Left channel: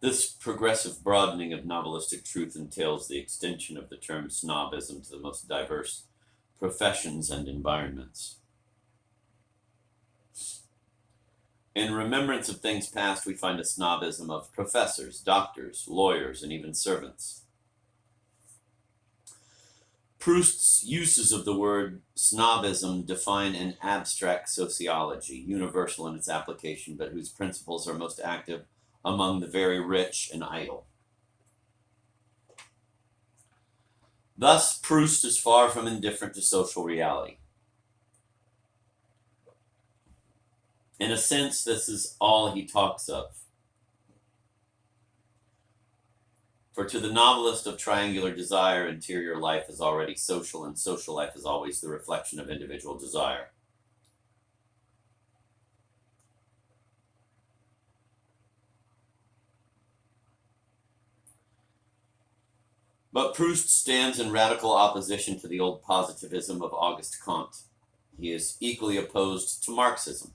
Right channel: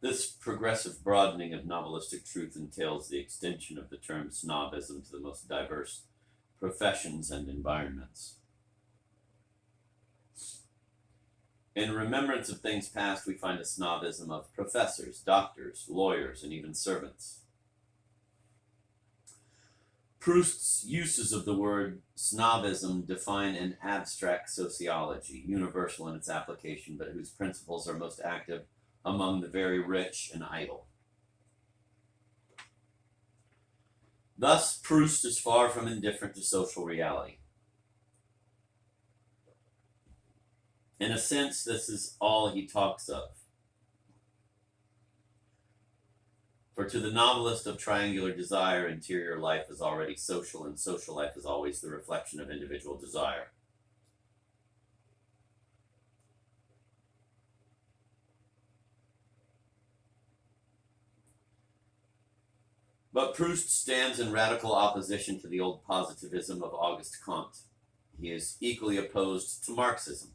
This progressive broadening of novelistic truth entails the extension of the term snobism to the most diverse professions and environments. In remembrance of things past, we find a snobism of professors, doctors, lawyers, and even servants. Proust's uses of the word snobism define an abstract sociology, universal in its application, but whose principles are most active among the very rich and idle. Thus, Proust is far from indifferent to social reality. In a sense, this is all he talks of. For to the novelist of triangular desire, interior life is already social, and social life is always the reflection of individual desire. But Proust stands in radical opposition to the old positivism of Auguste Comte. He is equally opposed to Marxism.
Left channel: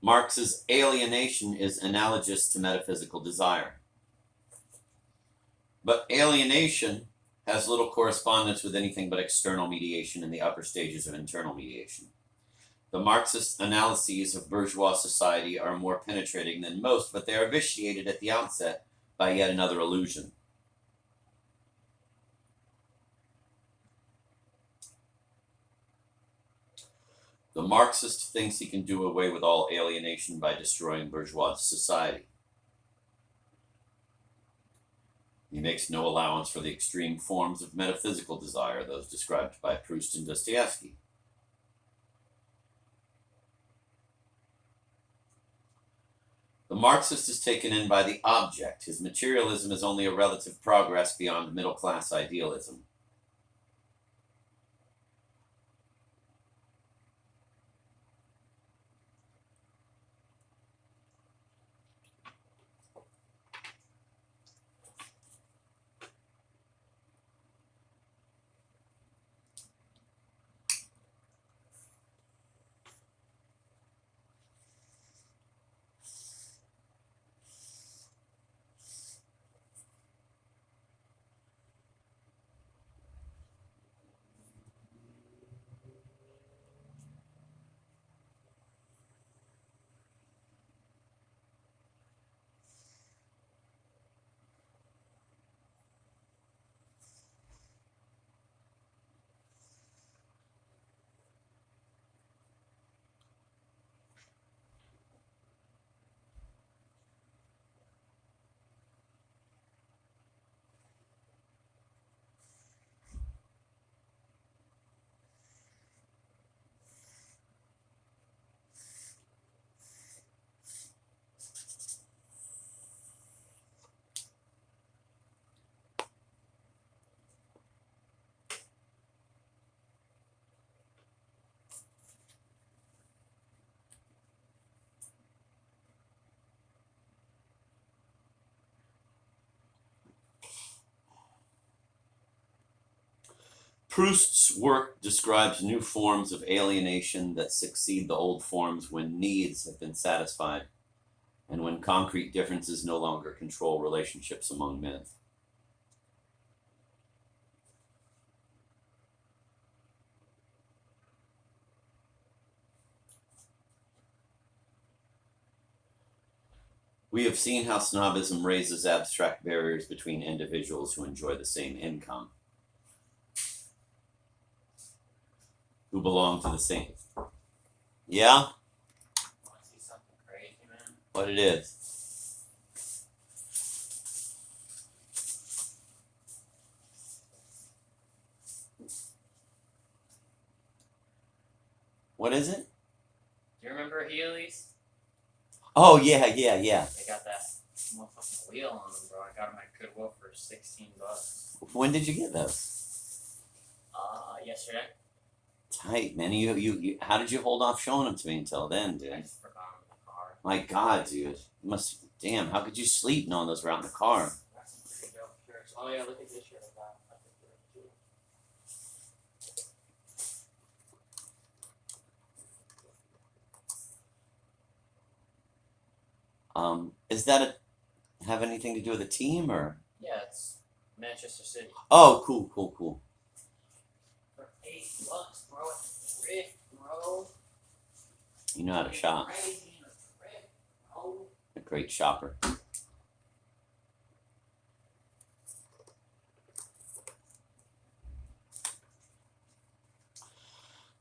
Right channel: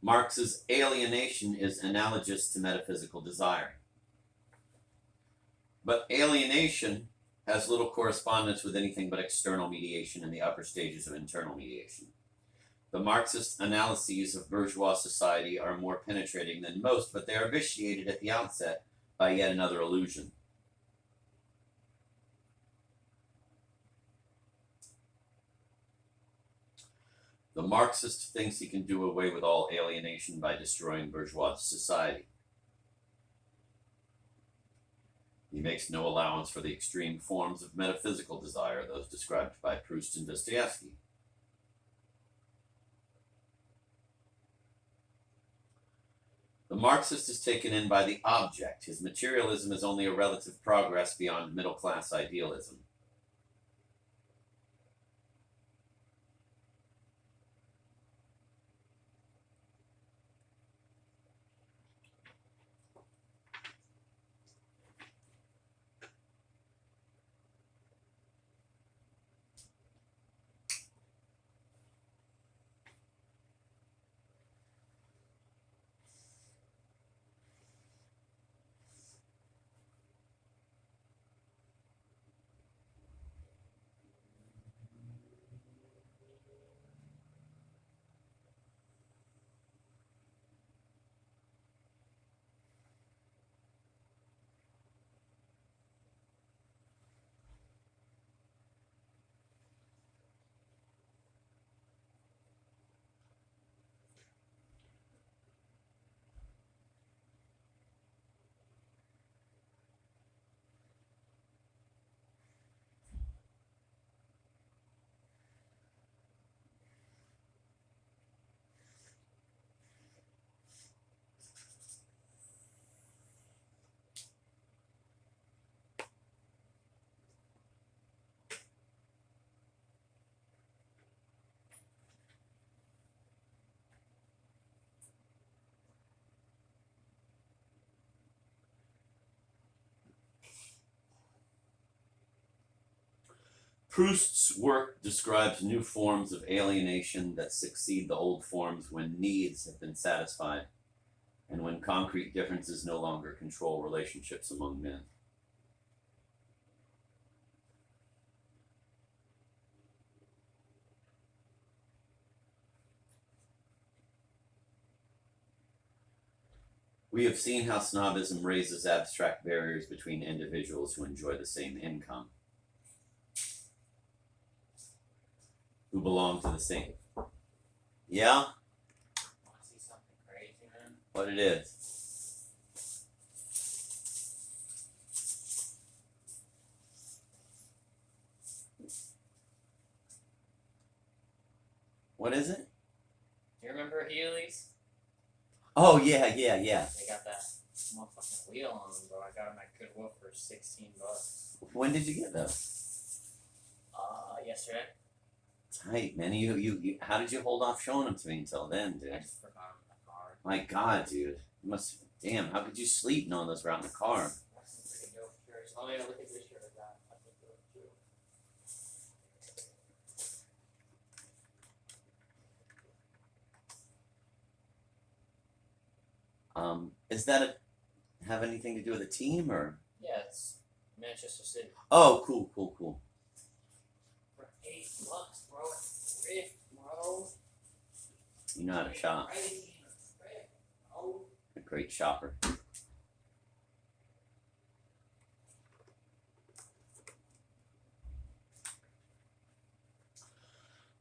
Marx's alienation is analogous to metaphysical desire. But alienation has little correspondence with anything but external mediation in the upper stages of internal mediation. The Marxist analyses of bourgeois society are more penetrating than most, but they are vitiated at the outset by yet another illusion. The Marxist thinks he can do away with all alienation by destroying bourgeois society. He makes no allowance for the extreme forms of metaphysical desire, those described by Proust and Dostoevsky. The Marxist is taken in by the object. His materialism is only a relative progress beyond middle-class idealism. Proust's work describes new forms of alienation that succeed the old forms when needs have been satisfied and when concrete differences no longer control relationships among men. We have seen how snobism raises abstract barriers between individuals who enjoy the same income, who belong to the same. Yeah? Want to see something crazy, man? What it is? What is it? Do you remember Heelys? Oh, yeah. They got that motherfucking wheel on them, bro. I got them at Goodwill for $16. When did you get those? Yesterday. Tight, man. You how did you hold off showing them to me until then, dude? I just forgot them in the car. My God, dude. You must. Damn, how could you sleep knowing those were out in the car? Got some pretty dope shirts. Oh yeah, look at this shirt I got. I think they're too. Is that have anything to do with a team or? Yeah, it's Manchester City. Oh, cool. For $8, bro. It's a rip, bro. You know how to shop. Crazy in a trip, bro. A great shopper.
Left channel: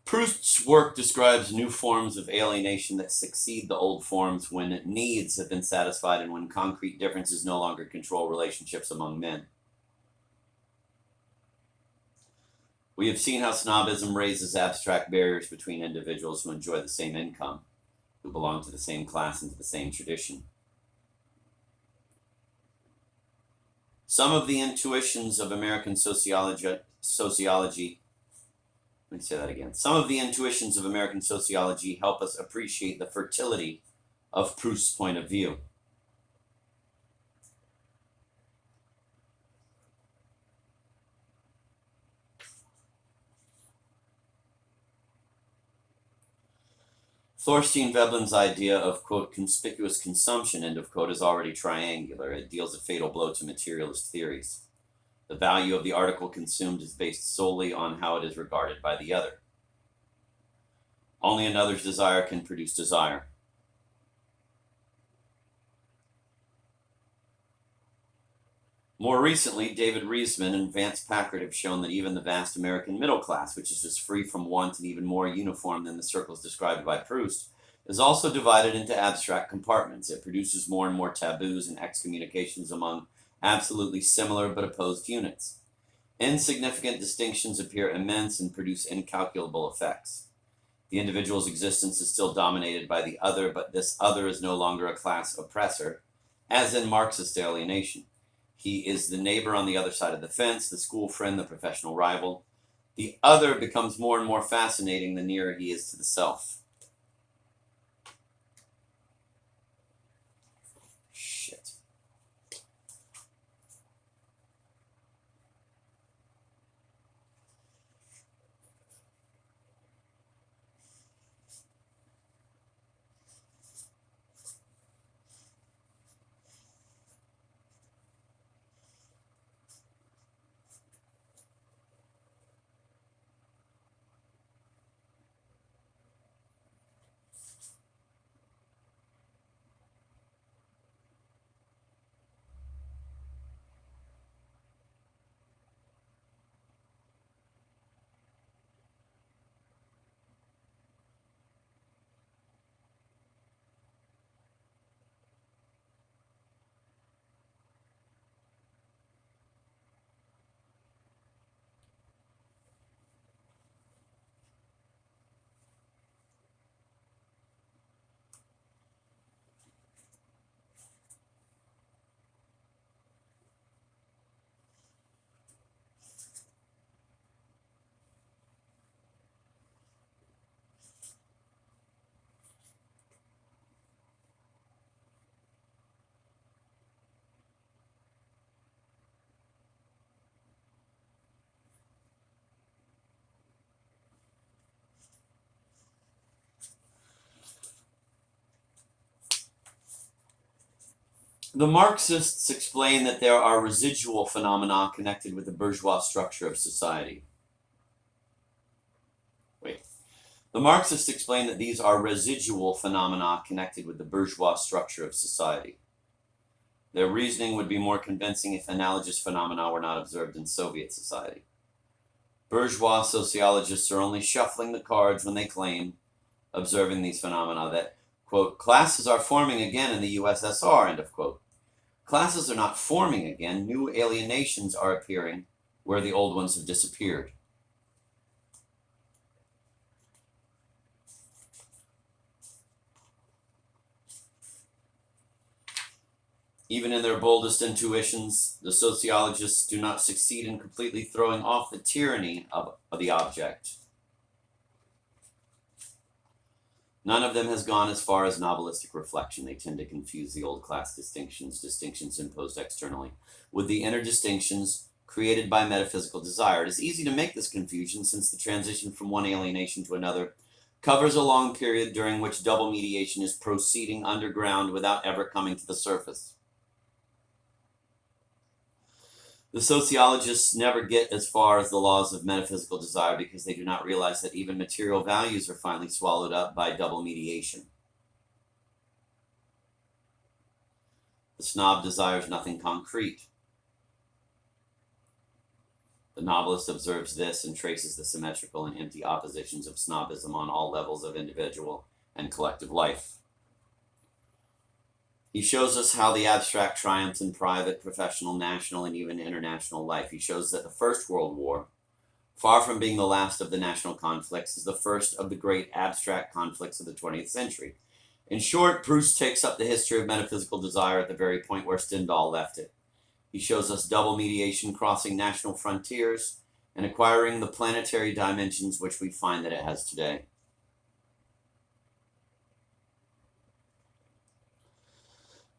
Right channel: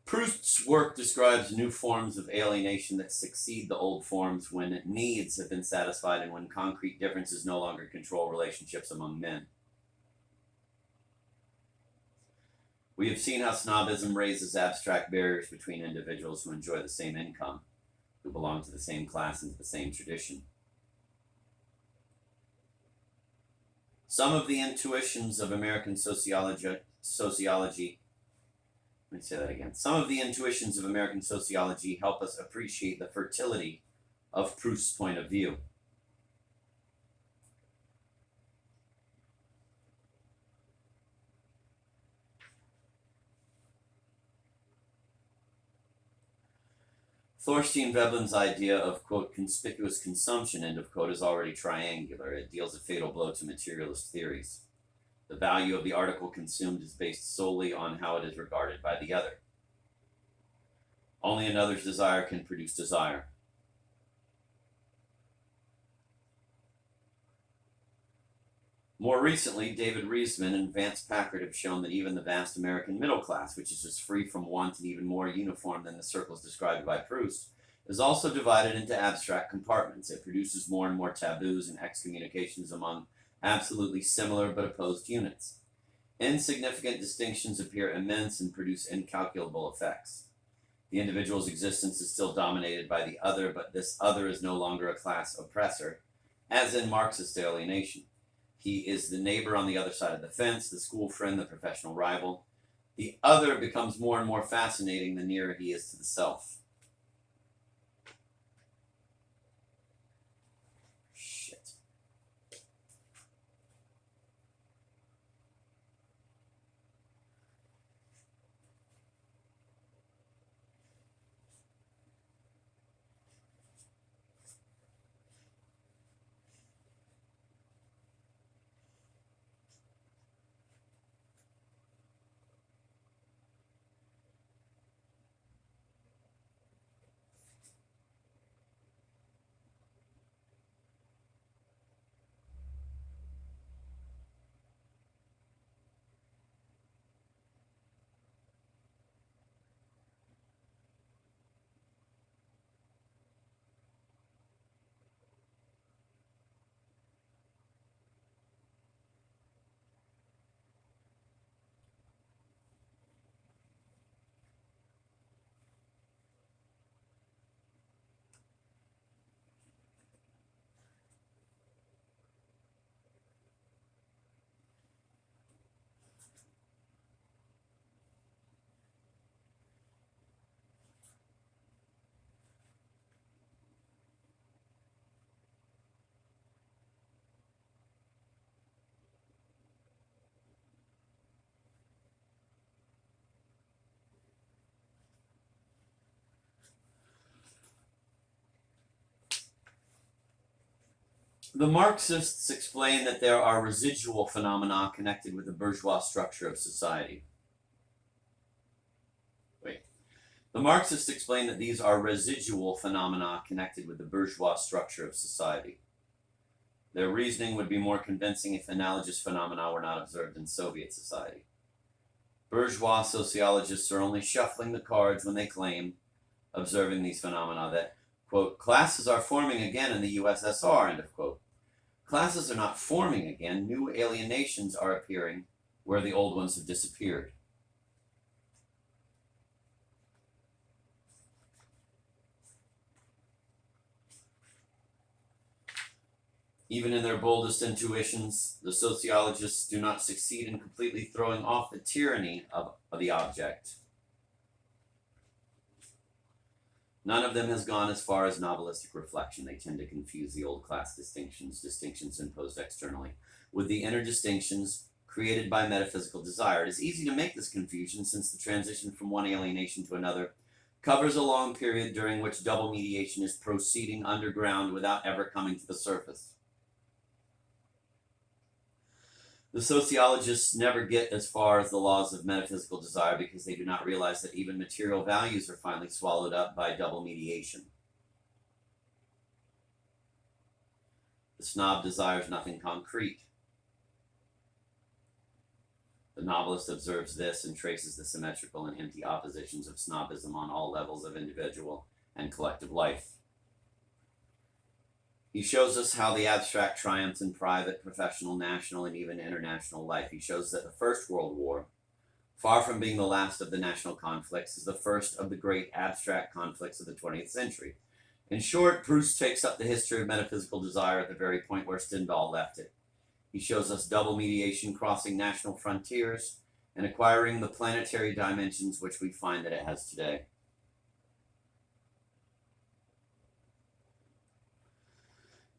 Proust's work describes new forms of alienation that succeed the old forms when needs have been satisfied and when concrete differences no longer control relationships among men. We have seen how snobism raises abstract barriers between individuals who enjoy the same income, who belong to the same class and to the same tradition. Some of the intuitions of American sociology. Let me say that again. Some of the intuitions of American sociology help us appreciate the fertility of Proust's point of view. Thorstein Veblen's idea of, quote, conspicuous consumption, end of quote, is already triangular. It deals a fatal blow to materialist theories. The value of the article consumed is based solely on how it is regarded by the other. Only another's desire can produce desire. More recently, David Reisman and Vance Packard have shown that even the vast American middle class, which is as free from want and even more uniform than the circles described by Proust, is also divided into abstract compartments. It produces more and more taboos and excommunications among absolutely similar but opposed units. Insignificant distinctions appear immense and produce incalculable effects. The individual's existence is still dominated by the other, but this other is no longer a class oppressor, as in Marxist alienation. He is the neighbor on the other side of the fence, the school friend, the professional rival. The other becomes more and more fascinating the nearer he is to the self. Shit. The Marxists explain that there are residual phenomena connected with the bourgeois structure of society. The Marxists explain that these are residual phenomena connected with the bourgeois structure of society. Their reasoning would be more convincing if analogous phenomena were not observed in Soviet society. Bourgeois sociologists are only shuffling the cards when they claim, observing these phenomena, that, quote, classes are forming again in the USSR, end of quote. Classes are not forming again. New alienations are appearing where the old ones have disappeared. Even in their boldest intuitions, the sociologists do not succeed in completely throwing off the tyranny of the object. None of them has gone as far as novelistic reflection. They tend to confuse the old class distinctions imposed externally, with the inner distinctions created by metaphysical desire. It is easy to make this confusion since the transition from one alienation to another covers a long period during which double mediation is proceeding underground without ever coming to the surface. The sociologists never get as far as the laws of metaphysical desire because they do not realize that even material values are finally swallowed up by double mediation. The snob desires nothing concrete. The novelist observes this and traces the symmetrical and empty oppositions of snobism on all levels of individual and collective life. He shows us how the abstract triumphs in private, professional, national, and even international life. He shows that the First World War, far from being the last of the national conflicts, is the first of the great abstract conflicts of the 20th century. In short, Proust takes up the history of metaphysical desire at the very point where Stendhal left it. He shows us double mediation crossing national frontiers and acquiring the planetary dimensions which we find that it has today.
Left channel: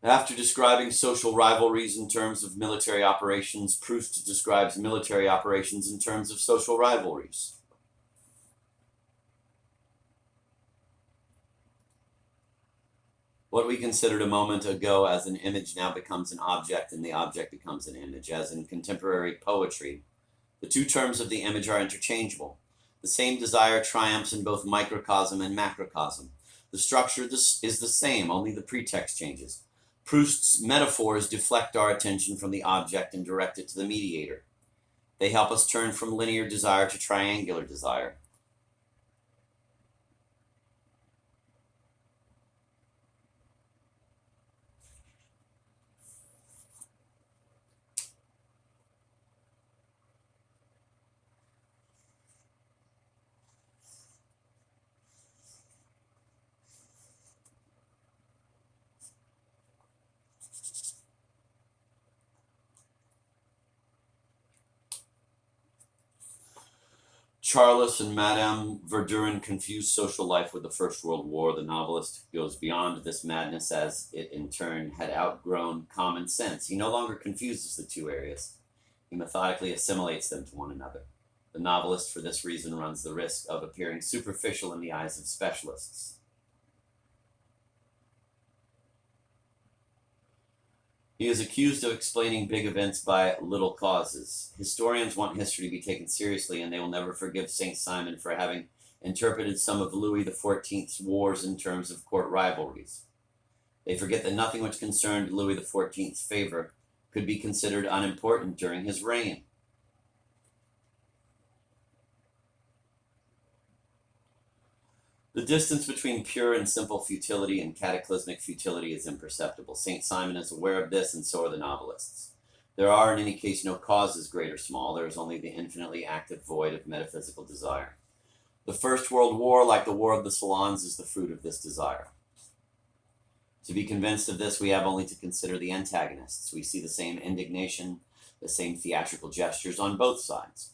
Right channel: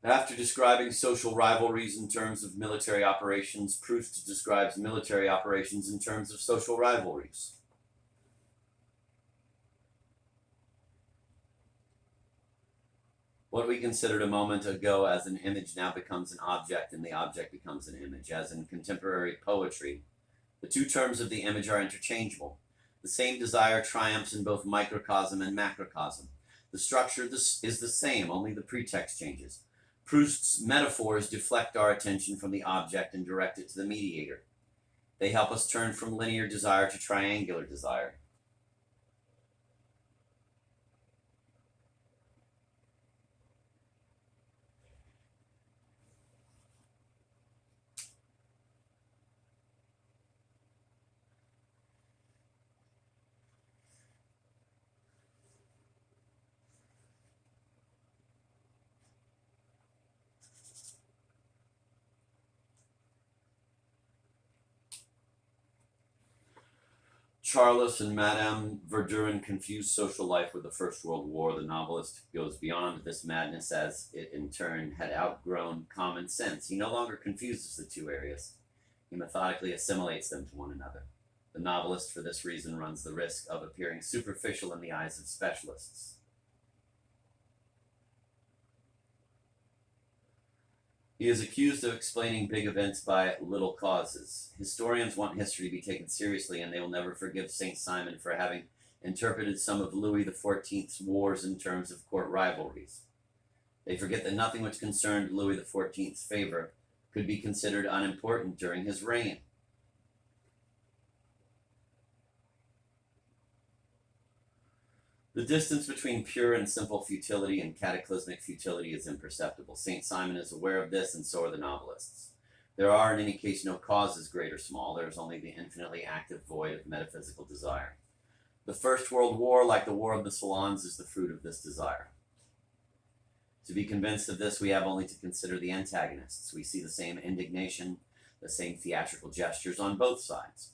After describing social rivalries in terms of military operations, Proust describes military operations in terms of social rivalries. What we considered a moment ago as an image now becomes an object, and the object becomes an image. As in contemporary poetry, the two terms of the image are interchangeable. The same desire triumphs in both microcosm and macrocosm. The structure is the same, only the pretext changes. Proust's metaphors deflect our attention from the object and direct it to the mediator. They help us turn from linear desire to triangular desire. Charles and Madame Verdurin confuse social life with the First World War. The novelist goes beyond this madness as it in turn had outgrown common sense. He no longer confuses the two areas. He methodically assimilates them to one another. The novelist, for this reason, runs the risk of appearing superficial in the eyes of specialists. He is accused of explaining big events by little causes. Historians want history to be taken seriously, and they will never forgive Saint Simon for having interpreted some of Louis XIV's wars in terms of court rivalries. They forget that nothing which concerned Louis XIV's favor could be considered unimportant during his reign. The distance between pure and simple futility and cataclysmic futility is imperceptible. Saint Simon is aware of this, and so are the novelists. There are, in any case, no causes, great or small. There is only the infinitely active void of metaphysical desire. The First World War, like the War of the Salons, is the fruit of this desire. To be convinced of this, we have only to consider the antagonists. We see the same indignation, the same theatrical gestures on both sides.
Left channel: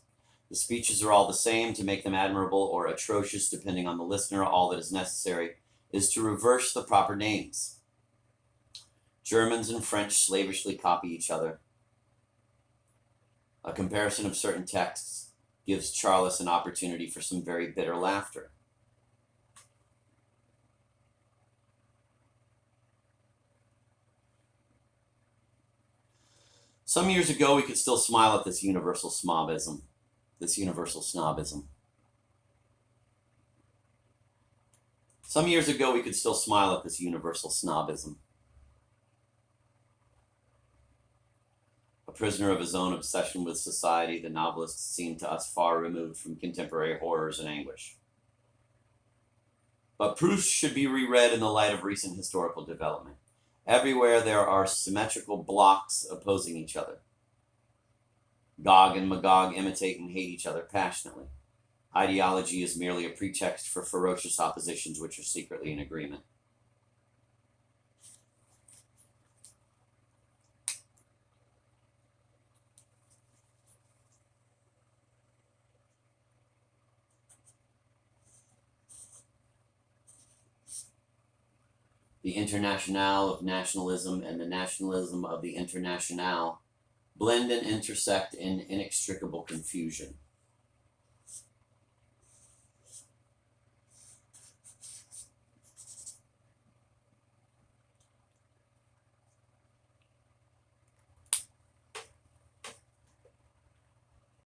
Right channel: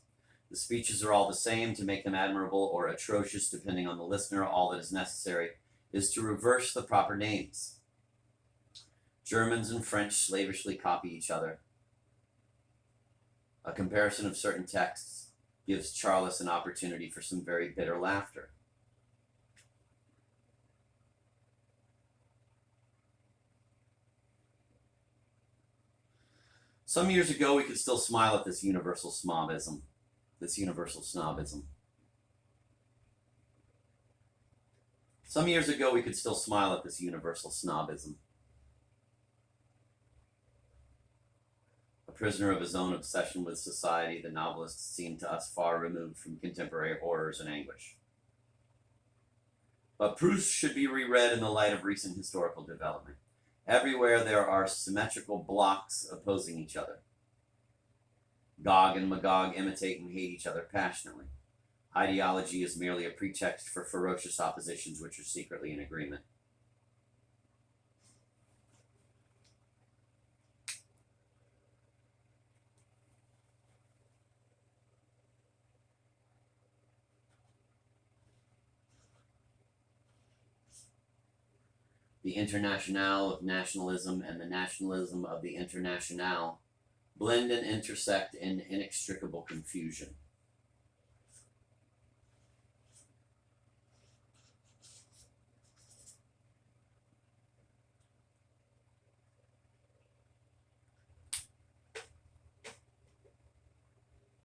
The speeches are all the same. To make them admirable or atrocious, depending on the listener, all that is necessary is to reverse the proper names. Germans and French slavishly copy each other. A comparison of certain texts gives Charles an opportunity for some very bitter laughter. Some years ago, we could still smile at this universal snobism. Some years ago, we could still smile at this universal snobism. A prisoner of his own obsession with society, the novelist seemed to us far removed from contemporary horrors and anguish. But Proust should be reread in the light of recent historical development. Everywhere there are symmetrical blocks opposing each other. Gog and Magog imitate and hate each other passionately. Ideology is merely a pretext for ferocious oppositions which are secretly in agreement. The Internationale of nationalism and the nationalism of the Internationale blend and intersect in inextricable confusion.